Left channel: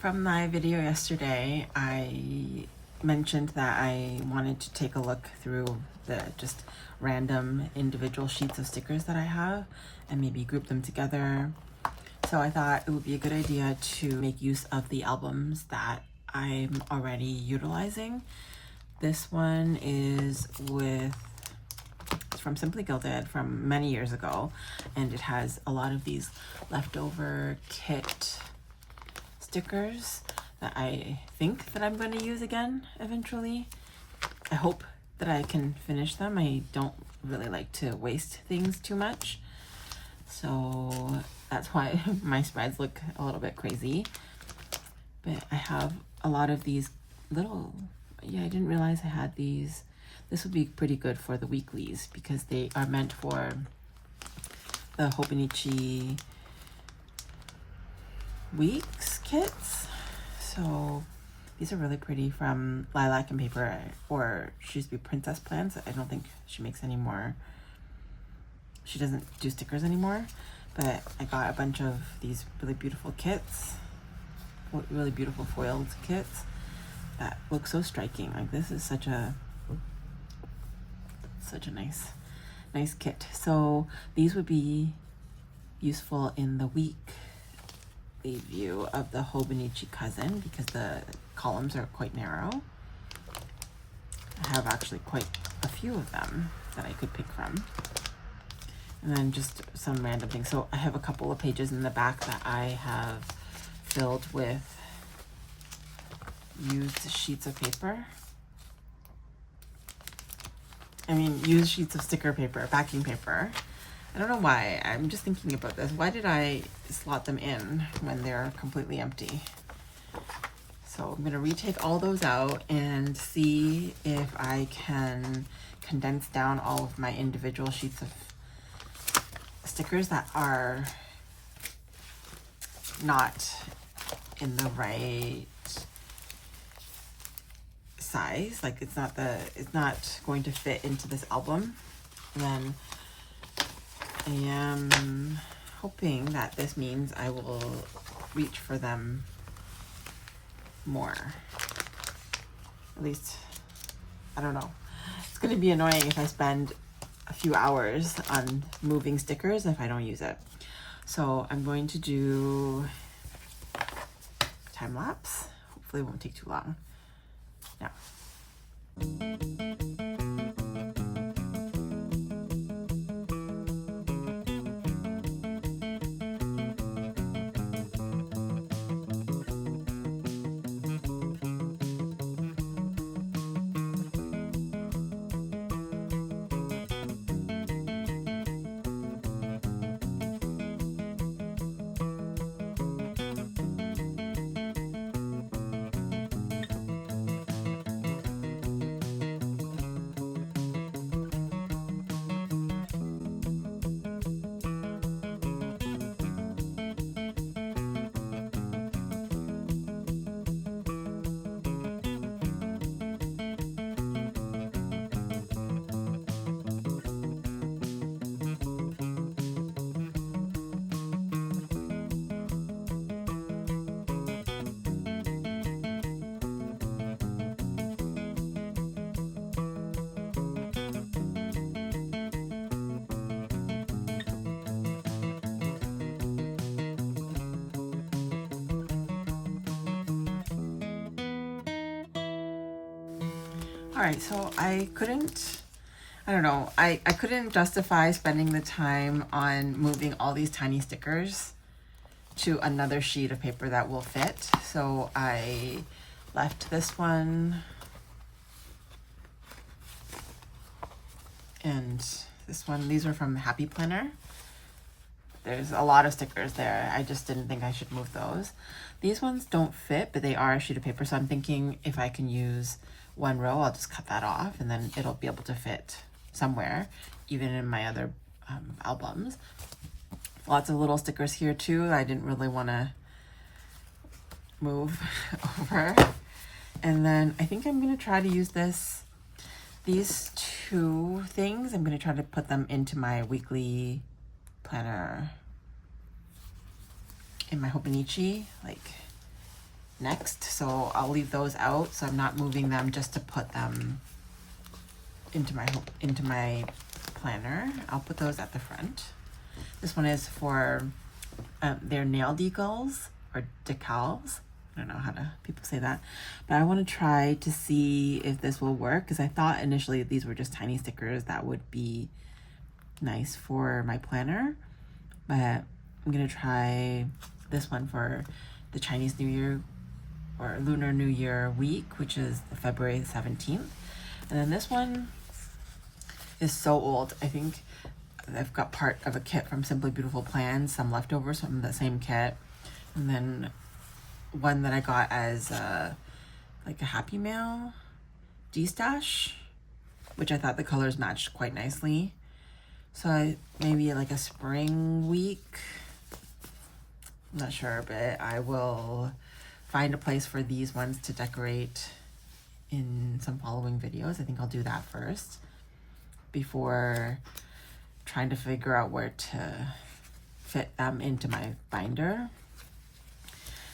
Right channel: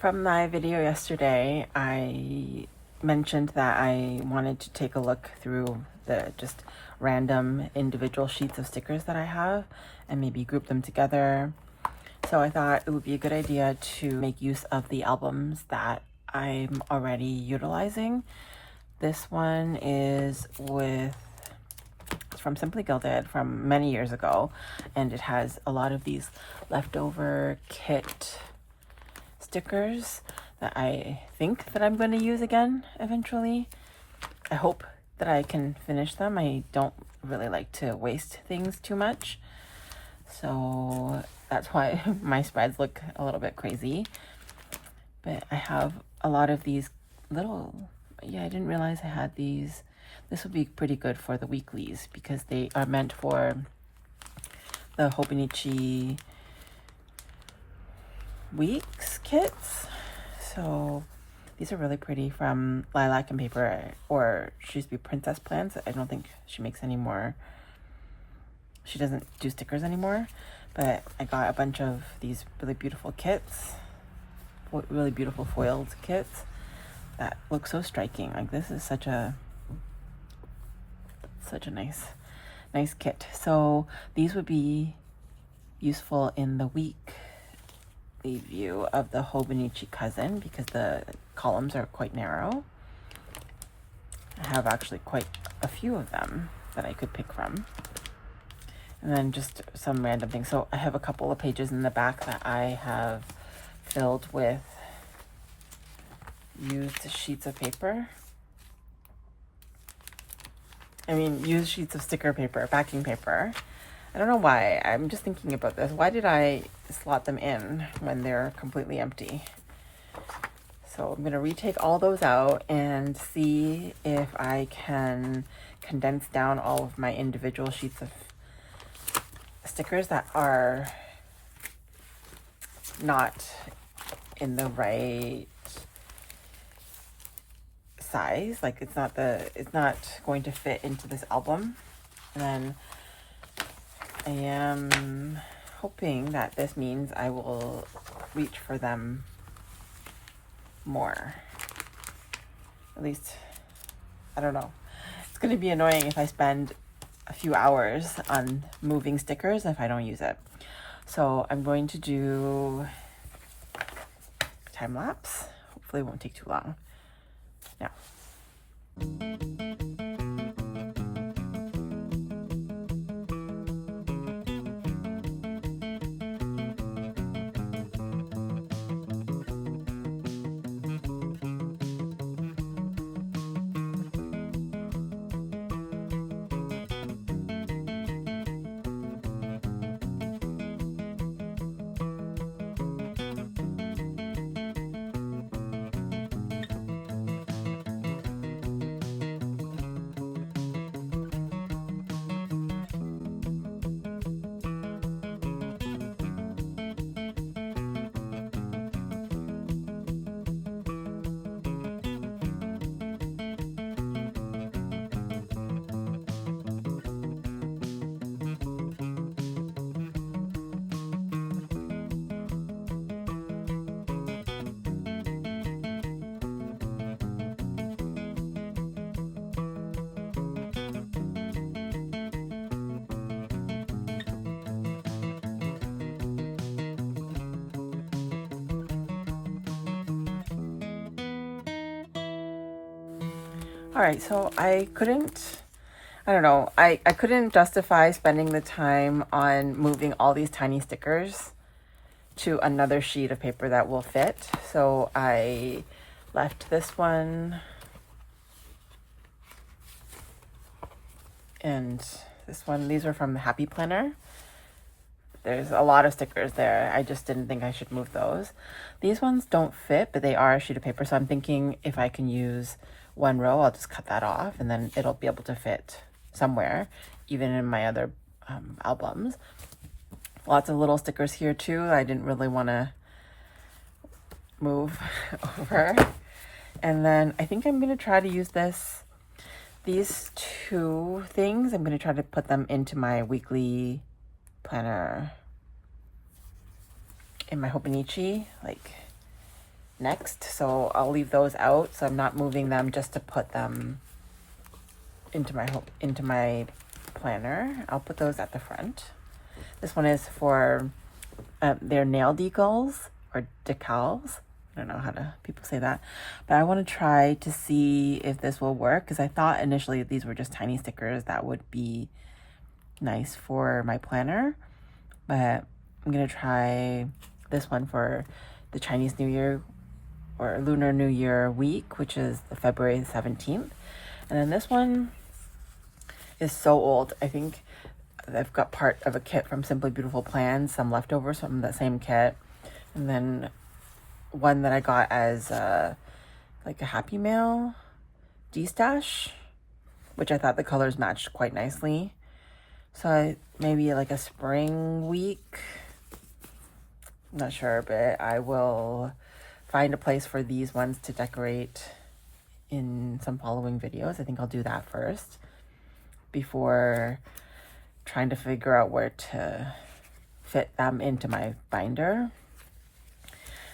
From my video yesterday, I mentioned that I wanted to take a look through the just random individual sheets of stickers that I have and maybe group them together. So I thought it would be a good idea to make use of the albums that I'm already utilizing. This one is from Simply Gilded from many years ago, and it has a lot of these leftover kit stickers that I think that I'm going to use again eventually. I hope that I can finish them. I don't really like to waste things too much, so that's why my spreads look a little bit crazy. But I have a lot of these little, I didn't realize I had these. This would be pretty good for the weeklies because they are meant for the Hobonichi weeks kits. So these are really pretty, from Lilac Paper, or she used to be Princess Plants. I don't think she makes any more. She doesn't do stickers anymore, but I got a bunch of these really beautiful kits, really beautiful foiled kits that look so striking. Like, this is such a nice kit. So these would be useful in the weekly view of the Hobonichi cousin because the columns are quite narrow. I have actually quite a few of them that I could pick from. And then just some random things. So I have a couple of pages in the back that I have filled with used sheets of paper. Used sheets of sticker paper, backing paper. I don't know why. I'm just thinking about this. Why did I slot them in when they're completely empty? So I'm going to retake all those out and see if I can condense down all of my individual sheets of stickers that are not in the right size. Like, it's not going to fit into this album. And then I am hoping that this means I will reach for them more. At least, I don't know. It's going to be annoying if I spend a few hours on moving stickers if I don't use it. So I'm going to do time lapse. Hopefully it won't take too long. Yeah. All right, so I couldn't justify spending the time on moving all these tiny stickers to another sheet of paper that will fit. So I left this one and this one. These are from the Happy Planner. There's a lot of stickers there. I just didn't think I should move those. These ones don't fit, but they are a sheet of paper. So I'm thinking if I can use one row, I'll just cut that off and then it'll be able to fit somewhere, even in my other albums. Lots of little stickers here too. I didn't really want to move over. And then I think I'm going to try to use these two things. I'm going to try to put them into my weekly planner in my Hobonichi, like next, so I'll leave those out. So I'm not moving them just to put them into my planner. I'll put those at the front. This one is for their nail decals or decals. I don't know how to people say that, but I want to try to see if this will work, because I thought initially these were just tiny stickers that would be nice for my planner, but I'm gonna try this one for the Chinese New Year or Lunar New Year week, which is the February 17th. And then this one is so old. I think I've got part of a kit from Simply Beautiful Plans, some leftovers from that same kit, and then one that I got as like a Happy Mail D-stash, which I thought the colors matched quite nicely. So maybe like a spring week, I'm not sure, but I will find a place for these ones to decorate in some following videos. I think I'll do that first before trying to figure out where to fit them into my binder.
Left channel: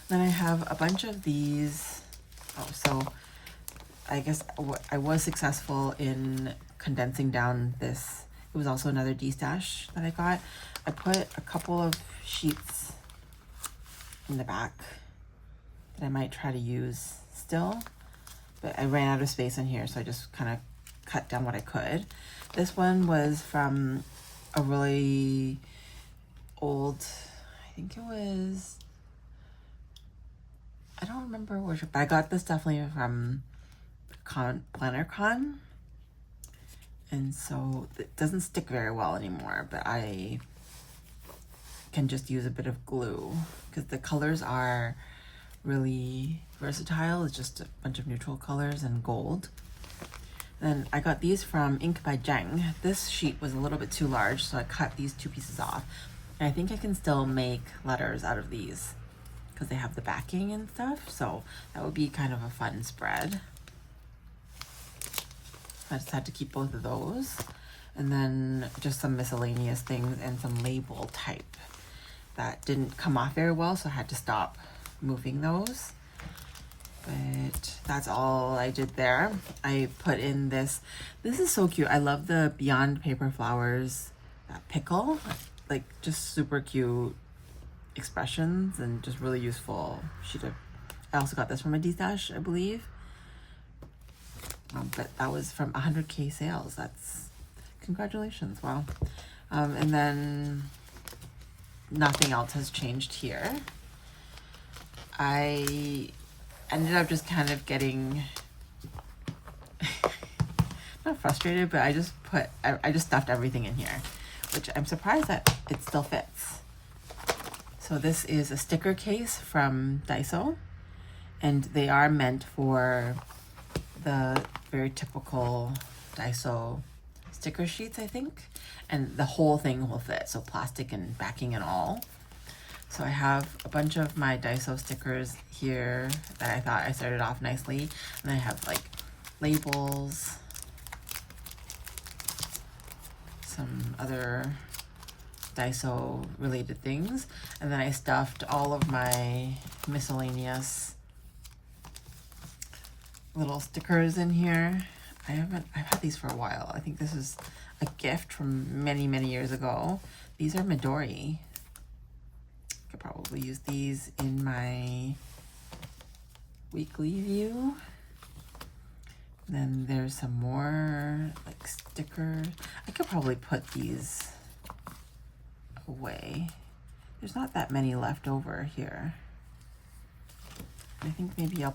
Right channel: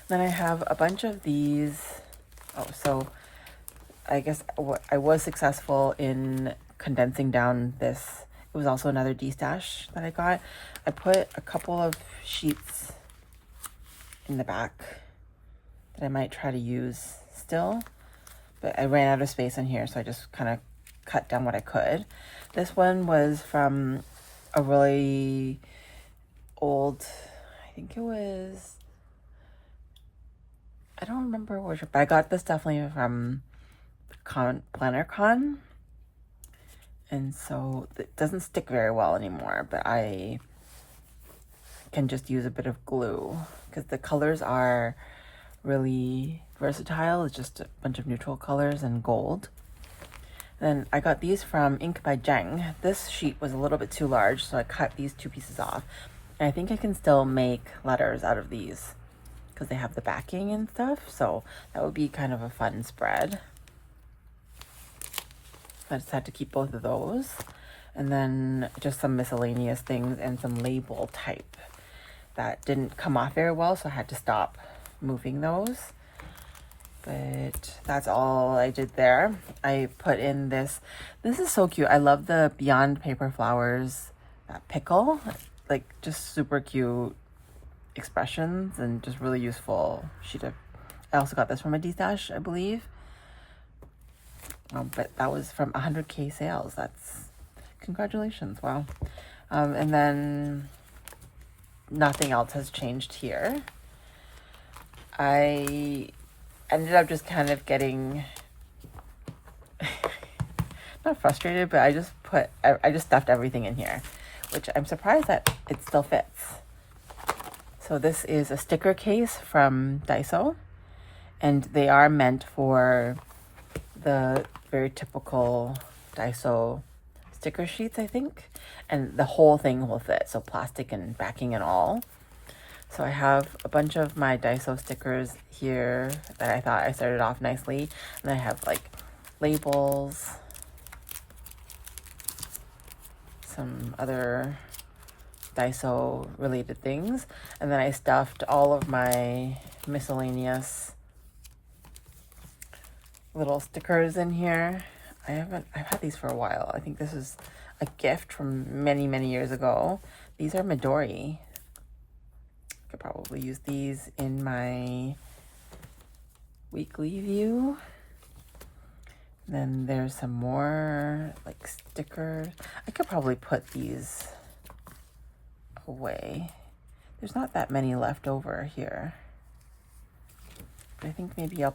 Then I have a bunch of these. Oh, so I guess I was successful in condensing down this. It was also another D-stash that I got. I put a couple of sheets in the back that I might try to use still, but I ran out of space in here, so I just kind of cut down what I could. This one was from a really old, I think it was, I don't remember which, but I got this definitely from Planner Con, and so it doesn't stick very well anymore, but I can just use a bit of glue because the colors are really versatile. It's just a bunch of neutral colors and gold. Then I got these from Ink by Jeng. This sheet was a little bit too large, so I cut these two pieces off. And I think I can still make letters out of these because they have the backing and stuff, so that would be kind of a fun spread. I just had to keep both of those. And then just some miscellaneous things and some label type that didn't come off very well, so I had to stop moving those. But that's all I did there. I put in this is so cute. I love the Beyond Paper Flowers, that pickle, like just super cute expressions and just really useful sheet of, I also got this from a D-stash, I believe. But that was from 100K sales. That's, congratulations, wow. And then nothing else has changed here. I ended up just kind of getting not frustrated, but I just stuffed everything in here, which I'm surprised that it still fits. So this is a sticker case from Daiso, and they are meant for the very typical Daiso sticker sheets, I think, and the whole thing will fit, so plastic and backing and all. So I have a bunch of my Daiso stickers here that I thought I started off nicely. And I have like labels, some other Daiso related things. And then I stuffed all of my miscellaneous little stickers in here. I've had these for a while. I think this is a gift from many, many years ago. These are Midori. Could probably use these in my weekly view. Then there's some more like stickers. I could probably put these away. There's not that many left over here. I think maybe I'll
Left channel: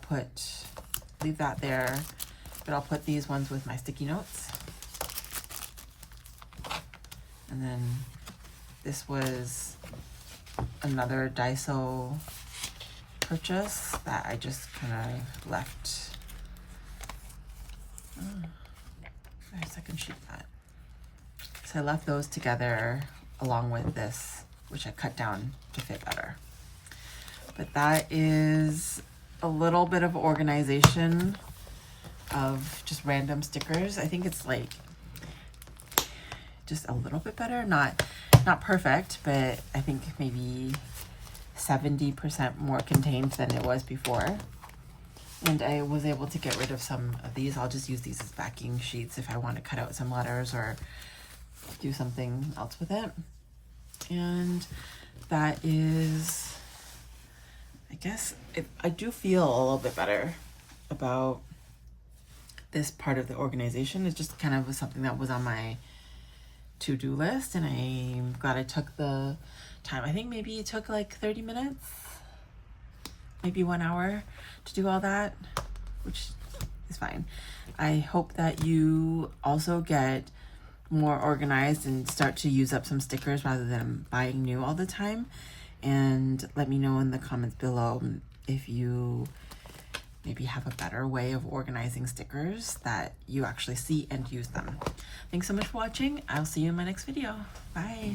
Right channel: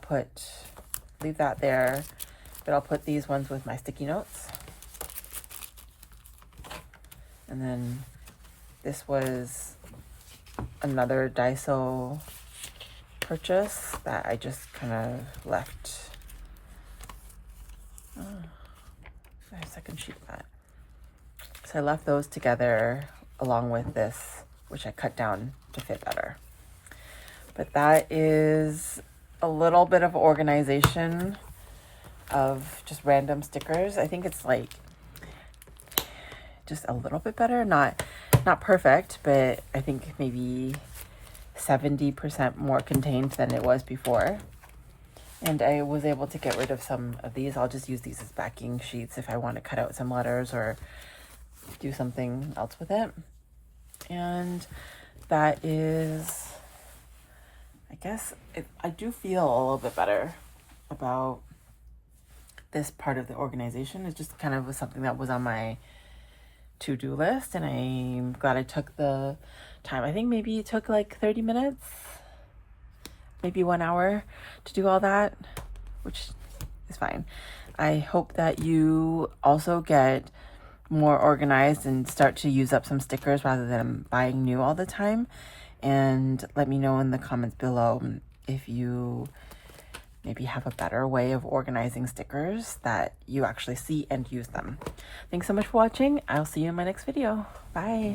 leave that there, but I'll put these ones with my sticky notes. And then this was another Daiso purchase that I just kind of left. Oh, there's a second sheet of that. So I left those together along with this, which I cut down to fit better. But that is a little bit of organization of just random stickers. I think it's like just a little bit better, not perfect, but I think maybe 70% more contained than it was before. And I was able to get rid of some of these. I'll just use these as backing sheets if I want to cut out some letters or do something else with it. And that is, I guess, I do feel a little bit better about this part of the organization. It's just kind of something that was on my to-do list, and I'm glad I took the time. I think maybe it took like 30 minutes, maybe 1 hour to do all that, which is fine. I hope that you also get more organized and start to use up some stickers rather than buying new all the time. And let me know in the comments below if you maybe have a better way of organizing stickers that you actually see and use them. Thanks so much for watching. I'll see you in my next video. Bye.